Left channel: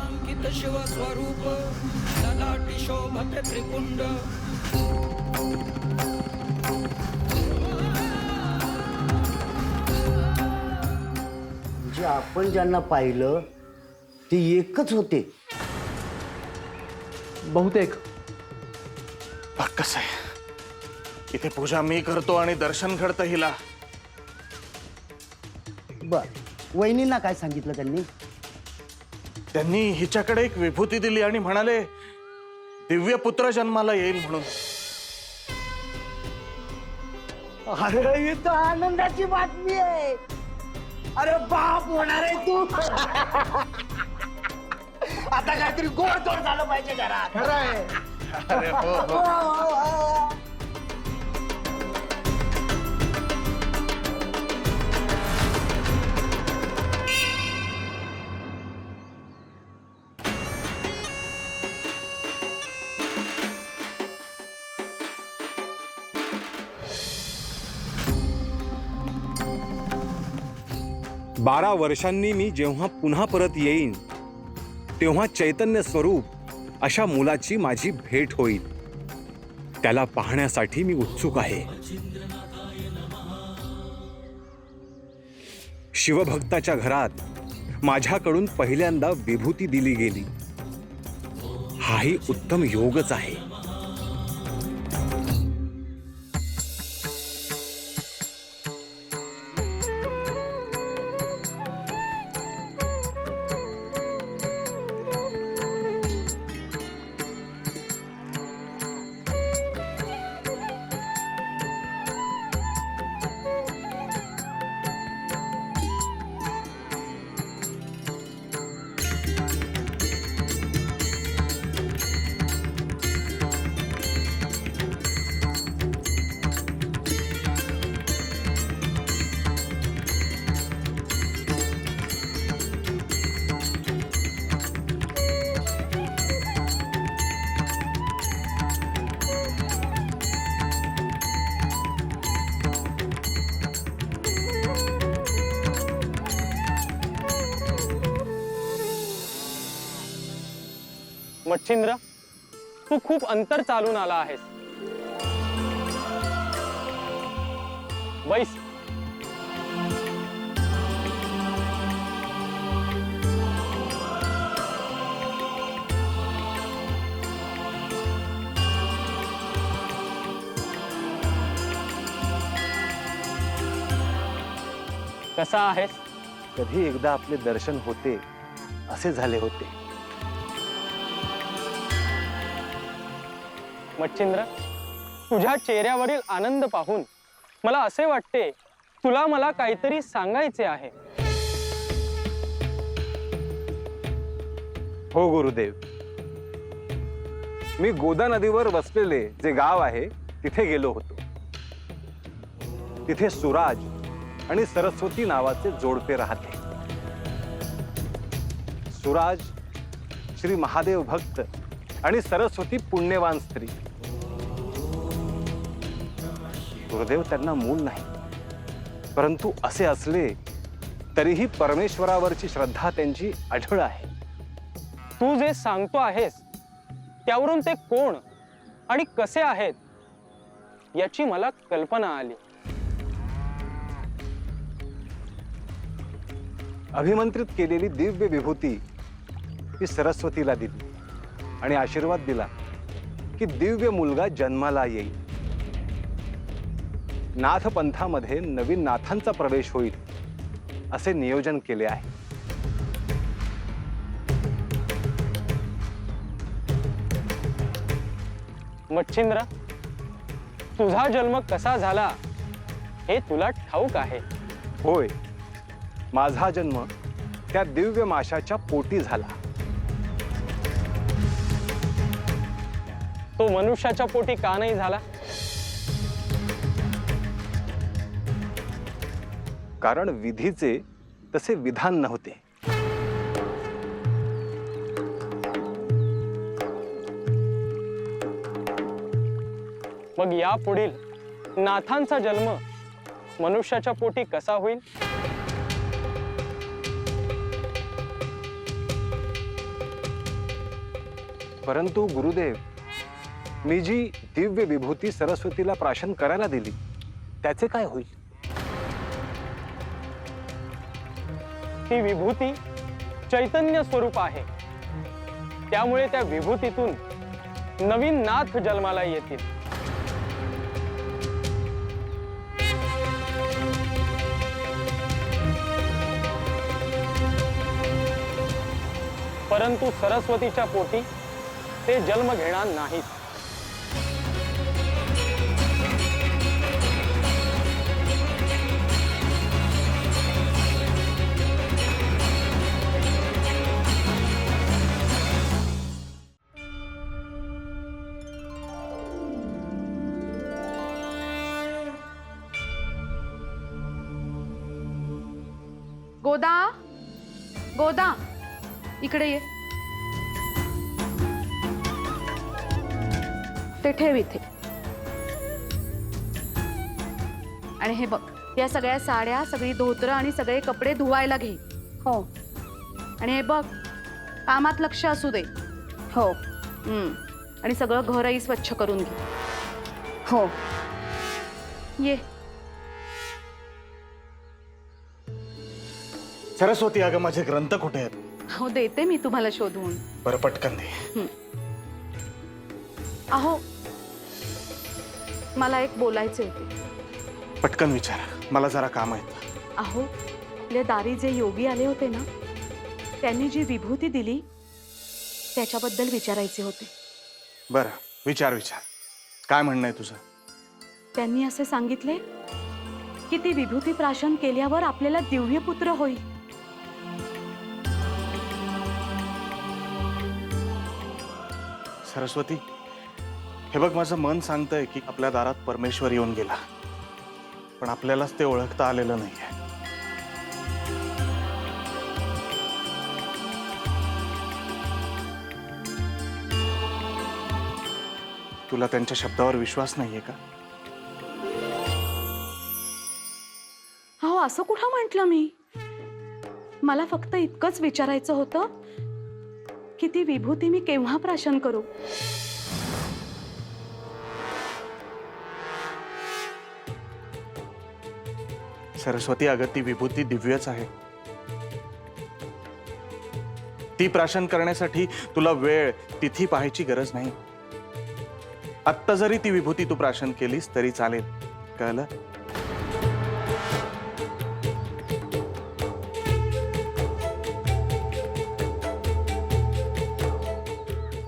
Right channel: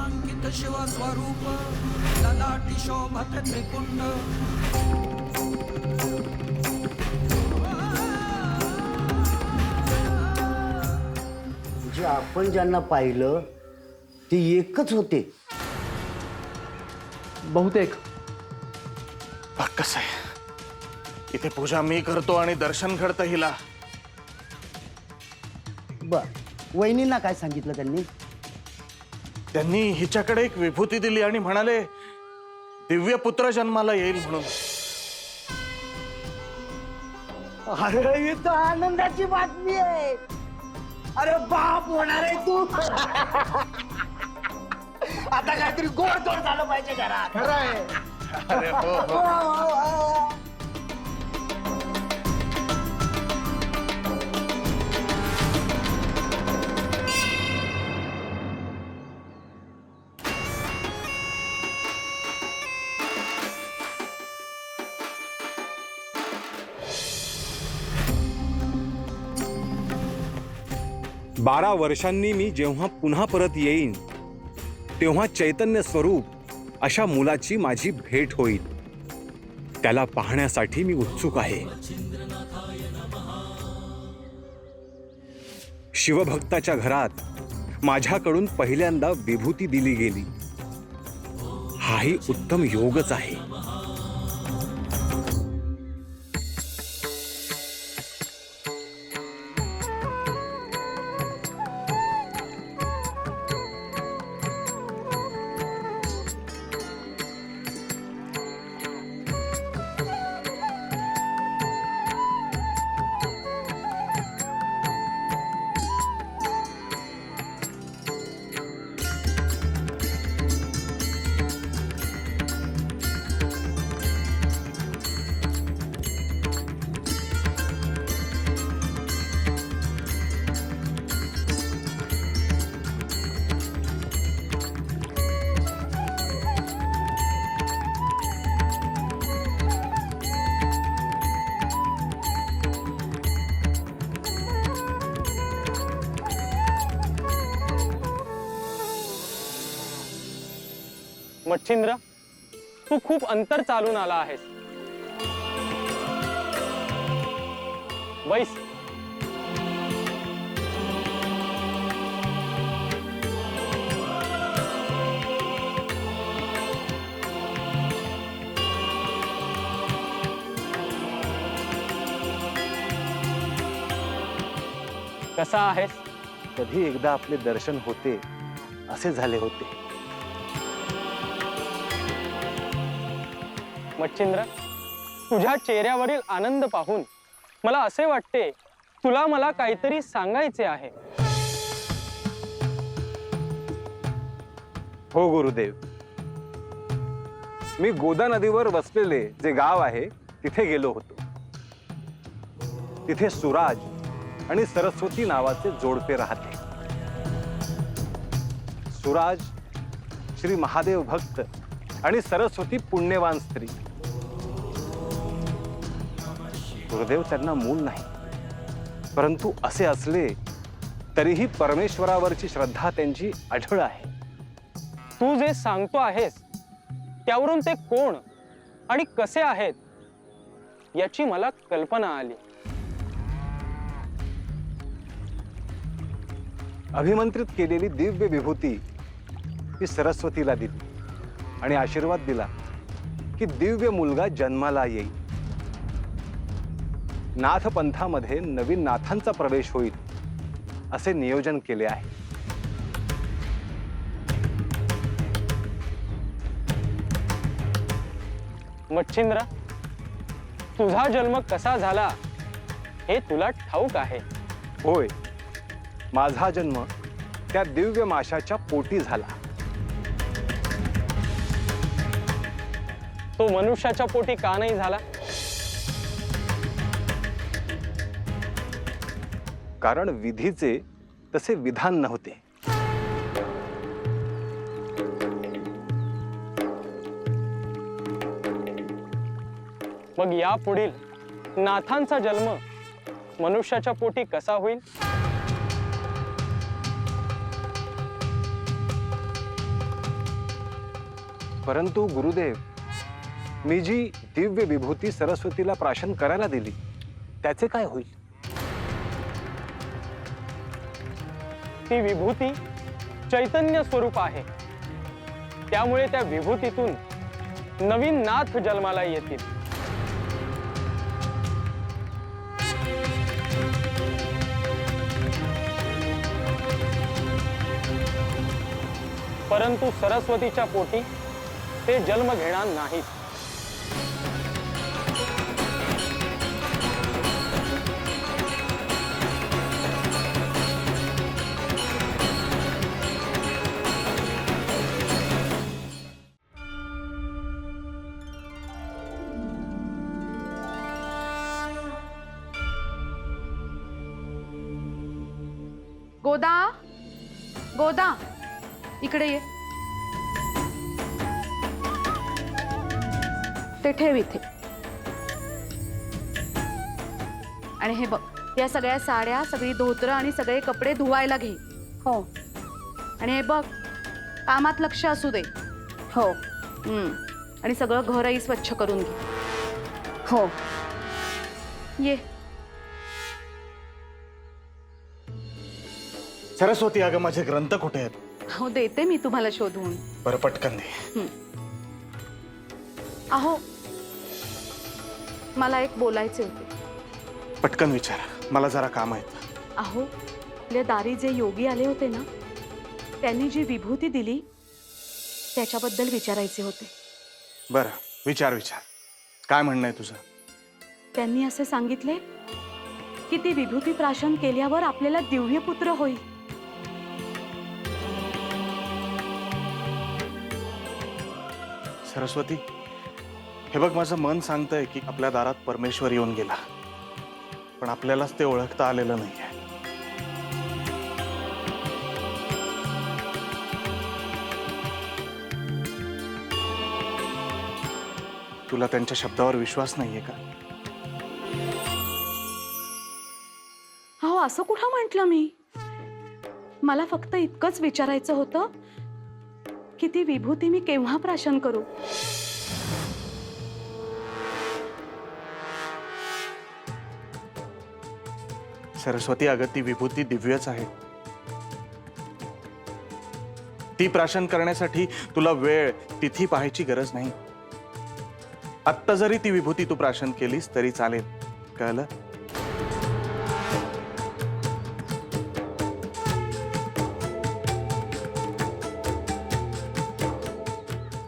नामांकित शिव स्वरूप ललाटी शोभत त्रिपुंड। म्हणजे आपण ज्यांना पाहिलं ते एकच होते बहुतेक। कसं आहे, इथे पूजा मी करतो आणि दर्शन घडतं हिला। बर, वहिनींना काय सांगितलं त्यांनी? त्यांनी हिच्याकडे एक विभूती दिली आणि म्हणाले दिव्य पुत्र जन्माला येईल म्हणून। अरे ही तर आनंदाची बातमी आहे। अरे बाप होणार आहे तू। आता काहीतरी गोडधोड झालं पाहिजे घरात। खरं आहे। अरे हो हो। बारा वर्षांनी मी जेव्हा पुन्हा परत येईन तेव्हा चैतन्य स्वरूप अशा मुलाची माझी भेट होईल। त्याला पाहण्यासाठी मी उत्सुक आहे। शिवभक्ताच्या घरात माझ्याकडून पहिल्यांदा विभूती दिली गेली, हाही उत्तम योगच आहे। मच्छिंद्र, तू खूप अंतर चालून आला आहेस। बैस। कसा आहेस? कधी एकदा आपले दर्शन होते असे झाले होते। मच्छिंद्र, तुझ्या चेहऱ्यावरील आनंद पाहून मला असे वाटते तुला मला काहीतरी सांगायचे आहे। हो गुरुदेव, मी गोदा नदीवर वसलेले जे गाव आहे तिथे गेलो होतो। तिथे सुराज आणि सरस्वती नावाचे जोडपे राहते। सुराज श्री महादेव भक्त आणि सरस्वती पुण्यवान स्त्री। गुरुदेव, त्यांना मूल नाही, परंतु असे असले तरीही परमेश्वरावरची श्रद्धा त्यांची अढळ आहे। तू जे सांगतो आहेस त्यावरून ते कोण आणि कसे आहेत याची मला कल्पना आली। अभिमंत्रित केलेली दिव्य विभूती ही सरस्वतीला दिली आणि आशीर्वाद दिला की दिव्य मुलगा जन्माला येईल। नाथ पंथामध्ये नवीन नाथांचा प्रवेश होईल असे नियोजन केले आहे। मच्छिंद्र, तुझा जन्म कसा झाला हे तुला ठाऊक आहे? होय, माझा जन्म त्या दिव्य माशाच्या पोटी झाला। तो मनुष्याच्या पोटी का नाही झाला? कारण विधीचे तसे विधान नव्हते। मग यापुढील नाथांचा जन्म मनुष्याच्या पोटी कसा होईल? परंतु गुरुदेव, मी जी दिव्य विभूती सरस्वतीला प्राशन करायला दिली त्याचे काय होईल? ती विभूती चैतन्य स्वरूप आहे, त्यामुळे त्या विभूतीतून नवीन नाथ जन्माला येतील. परंतु सरस्वतीच्या पोटी ते जन्म घेणार नाहीत. गोदा, गोदा, इकडे ये. ते ठेव इथे. आणि हे बघ, या सगळ्या साड्या, सगळी धोतरं आणि सगळे कपडे धुवायला घे. हो. आणि हे बघ, कामात लक्ष असू दे. हो. आणि सगळं घरही स्वच्छ करून घे. हो. ये. सरस्वती, अगं माझे ग्रंथ कुठे आहेत? हो, देते मी तुम्हाला शोधून. बरं, पटकन दे. अहो, मला एक बोलायचे होते. पटकन विचार, मला जरा काम आहे. अहो, आपल्या दारी जे योगी आले होते ना, त्यांनी जी विभूती दिली त्याच्याबद्दल विचारायचे होते. बरं, विचार. काय म्हणणं आहे तुझं? त्यांनी असे सांगितले की ती विभूती प्राशन केल्यावर आपल्याला दिव्य पुत्र होईल. सरस्वती, हे बघ, माझं मन सांगतंय की आपल्या दारात परमेश्वर येऊन गेला, पण आपल्यालाच ते ओळखता आलेलं नाहीये. तुला त्यांच्या शब्दावर विश्वास नाहीये का? अहो, असं कुठं म्हटलं मी? मला फक्त इतकंच विचारायचं होतं की ती विभूती मी केव्हा प्राशन करू. सरस्वती, अगं ती विभूती दिव्यच आहे. ती प्राशन करण्यासाठी तुला वेळ, तिथी पाहायची गरज नाही. आत्ता जरी ती विभूती तू प्राशन केलीस तरी चालेल. कळलं?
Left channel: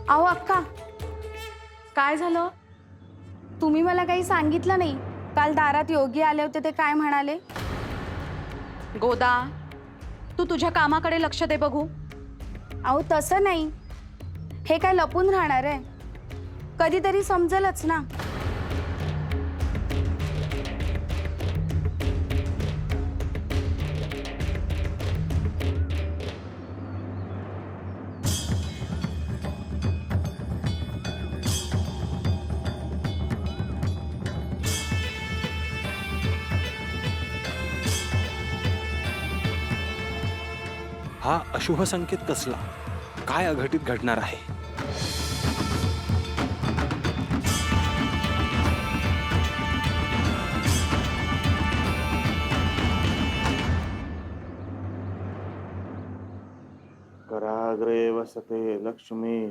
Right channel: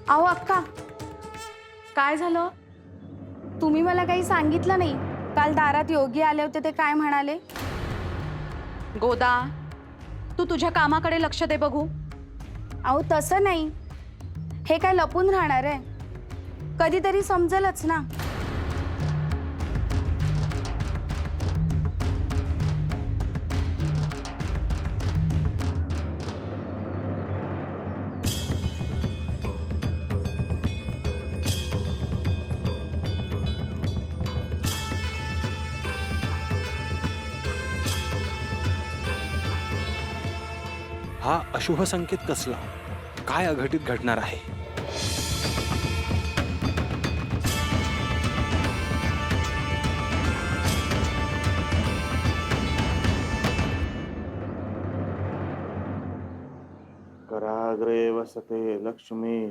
अहो अक्का, काय झालं? तुम्ही मला काही सांगितलं नाही. काल दारात योगी आले होते, ते काय म्हणाले? गोदा, तू तुझ्या कामाकडे लक्ष दे बघू. अहो तसं नाही, हे काय लपून राहणार आहे? कधीतरी समजेलच ना. हा अशुभ संकेत कसला? काय अघटित घडणार आहे? कराग्रे वसते लक्ष्मी,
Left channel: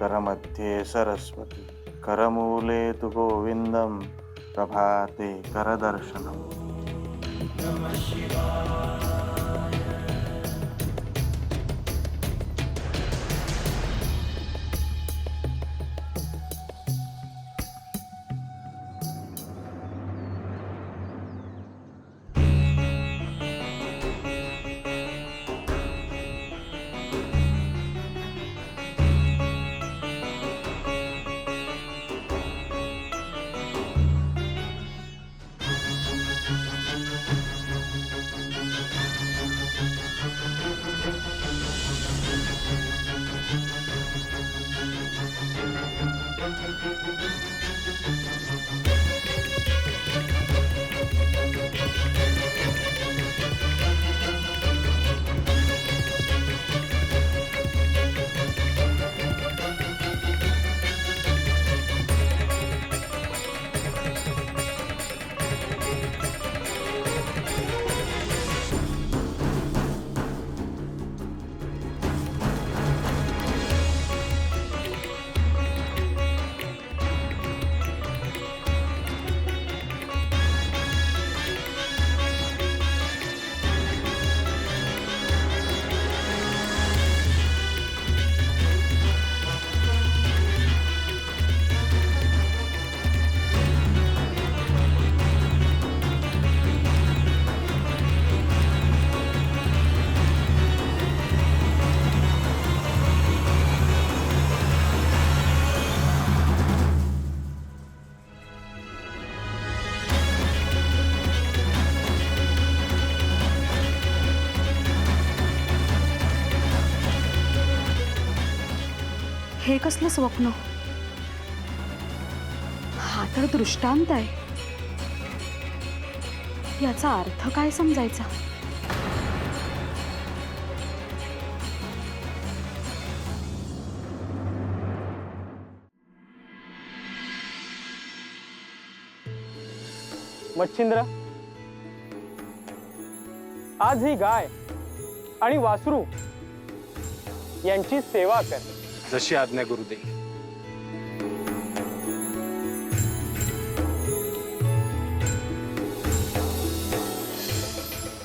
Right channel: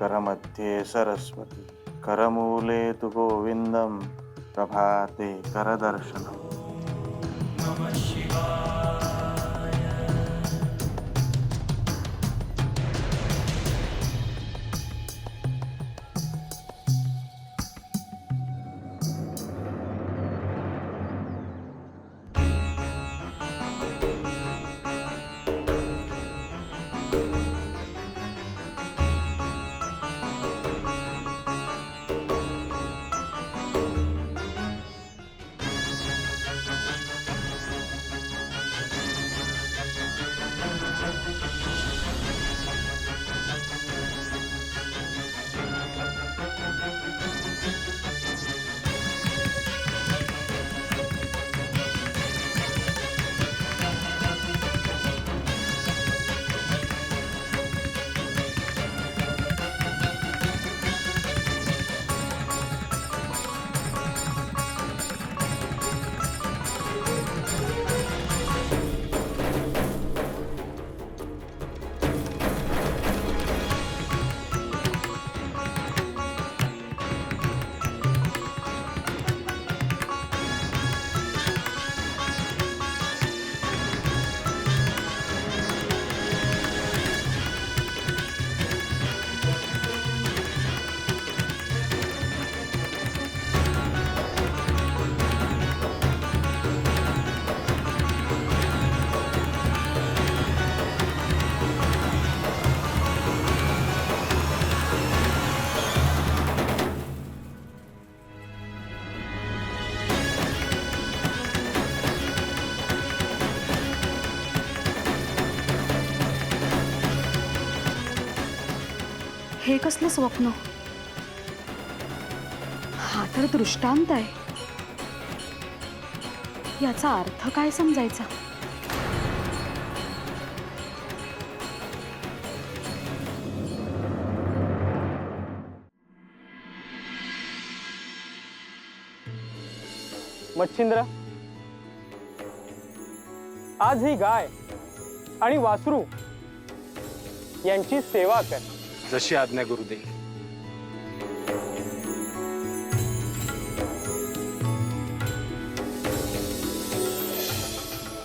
करमध्ये सरस्वती, करमूले तु गोविंदम, प्रभाते करदर्शनम. हे कसलं स्वप्न? हा तर दृष्टांत आहे. याचा अर्थ काय समजायचा? मच्छिंद्र, आज ही गाय आणि वासरू यांची सेवा कर. जशी आज्ञा गुरुदेव.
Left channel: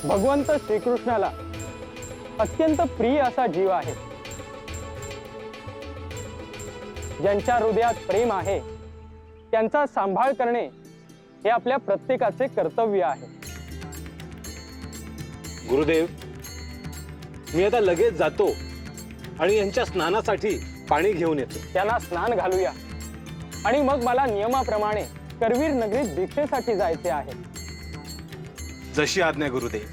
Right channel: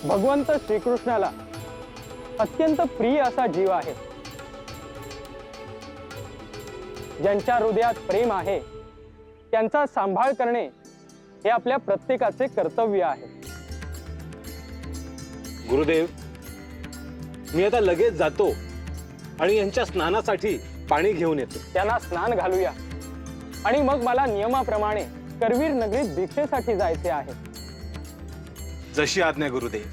भगवंत श्रीकृष्णाला अत्यंत प्रिय असा जीव आहे. ज्यांच्या हृदयात प्रेम आहे त्यांचा सांभाळ करणे हे आपल्या प्रत्येकाचे कर्तव्य आहे. गुरुदेव, मी आता लगेच जातो आणि यांच्या स्नानासाठी पाणी घेऊन येतो. त्यांना स्नान घालूया आणि मग मला नियमाप्रमाणे करवीर नगरीत दीक्षेसाठी जायचे आहे. जशी आज्ञा गुरुदेव.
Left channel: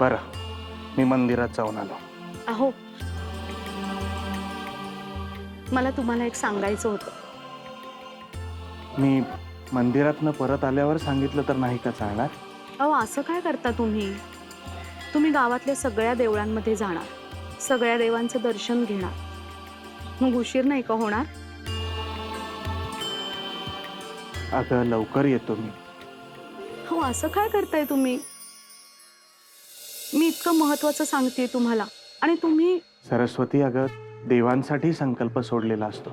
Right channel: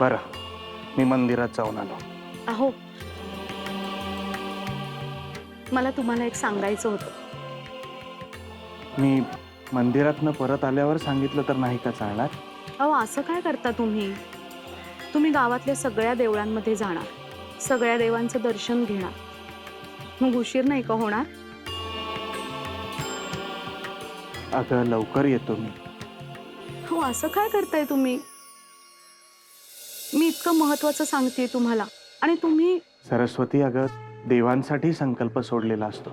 बरं, मी मंदिरात जाऊन आलो. अहो, मला तुम्हाला एक सांगायचं होतं. मी मंदिरातनं परत आल्यावर सांगितलं तर नाही का चालणार? अहो, असं काय करता तुम्ही? तुम्ही गावातल्या सगळ्या देवळांमध्ये जाणार, सगळ्या देवांचं दर्शन घेणार, मग उशीर नाही का होणार? अगं लवकर येतो मी. हो, असं काय करताय तुम्ही? मी इतकं महत्वाचं सांगतेय तुम्हाला आणि तुम्ही. सरस्वती, अगं देवांसाठी संकल्प सोडलेला असतो,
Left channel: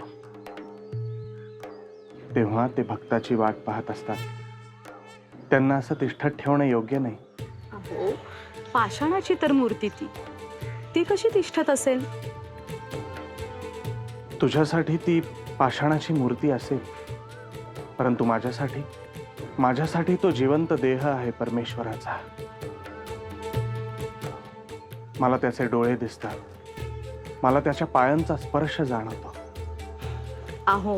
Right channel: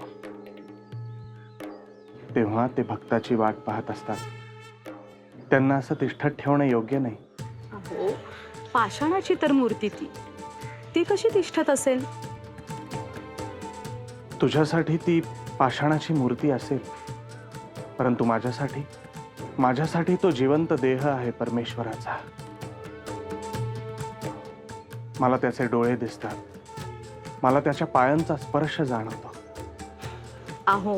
तेव्हा ते भक्ताची वाट पाहत असतात. त्यांना असं तिष्ठत ठेवणं योग्य नाही. अहो, पाषाणाची तर मूर्ती ती कशी तिष्ठत असेल? तुझ्यासाठी ती पाषाणाची मूर्ती असेल, परंतु माझ्यासाठी तो जिवंत देह आहे परमेश्वराचा. मला त्याचे डोळे दिसतात, मला त्याच्या पायांचा स्पर्श जाणवतो. अहो,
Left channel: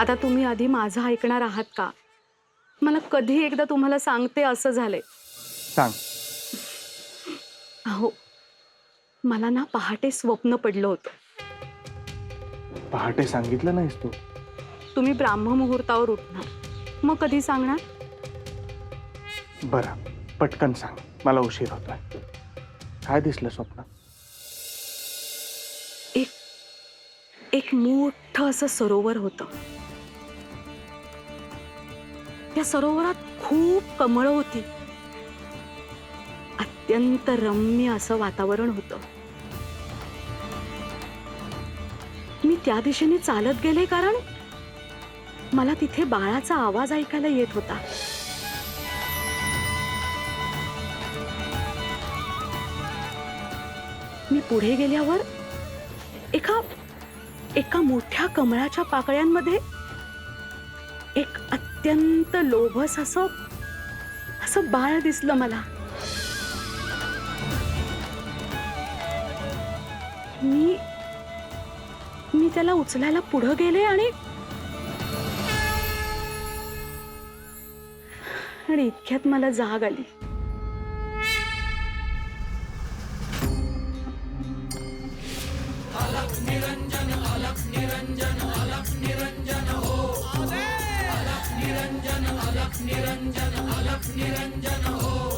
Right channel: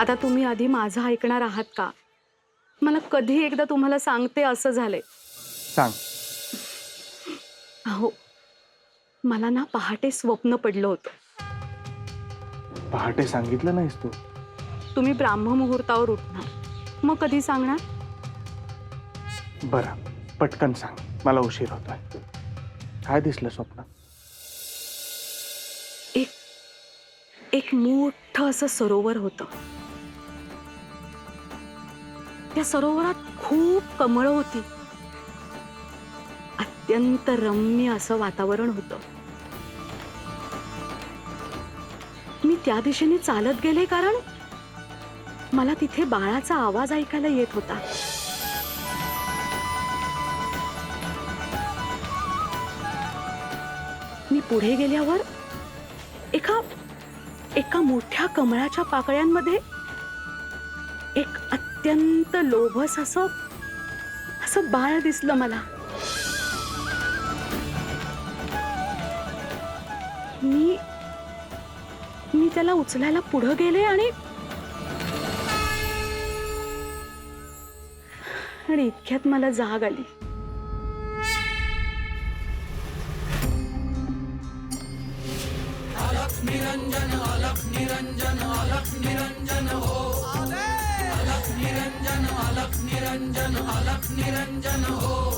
आता तुम्ही आधी माझं ऐकणार आहात का? मला कधी एकदा तुम्हाला सांगते असं झालंय. सांग. अहो, मला ना पहाटे स्वप्न पडलं होतं. पहाटे सांगितलं नाहीस तू? तुम्ही ब्राह्म मुहूर्तावर उठणार, मग कधी सांगणार? बरं, पटकन सांग, मला उशीर होतोय. काय दिसलं स्वप्न? एक मोठं असं सरोवर होतं. त्या सरोवरात खूप कमळं होती. अत्यंत रम्य असं वातावरण होतं. मी त्या दिशेने चालत गेले, कारण मला तिथे बाळाचा आवाज ऐकायला येत होता. मी पुढे गेल्यावर एका मोठ्या कमळाच्या पाकळ्यांमध्ये एक अत्यंत लोभस असं बाळ दिसलं मला. मी त्याला उचलायला पुढे गेले आणि इतक्यात मला जाग आली. अलख निरंजन अलख निरंजन अलख निरंजन हो. अलख निरंजन अलख निरंजन अलख निरंजन हो.